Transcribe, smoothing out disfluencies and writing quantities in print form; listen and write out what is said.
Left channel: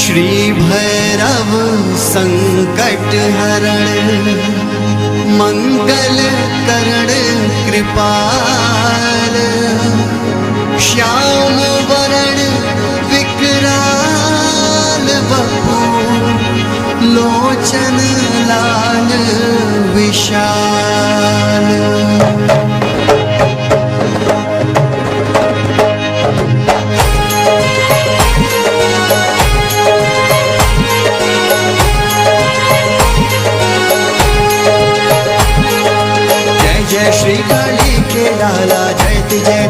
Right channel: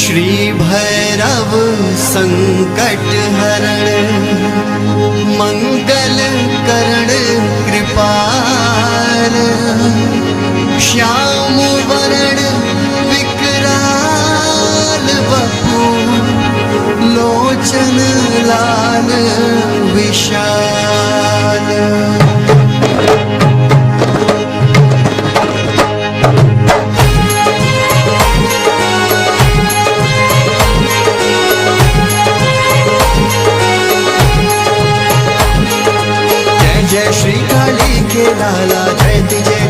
श्री भैरव संकट हरण मंगल करण कृपाल श्याम वरण विकराल वपु लोचन लाल विशाल। जय श्री काली के लाला जयति जय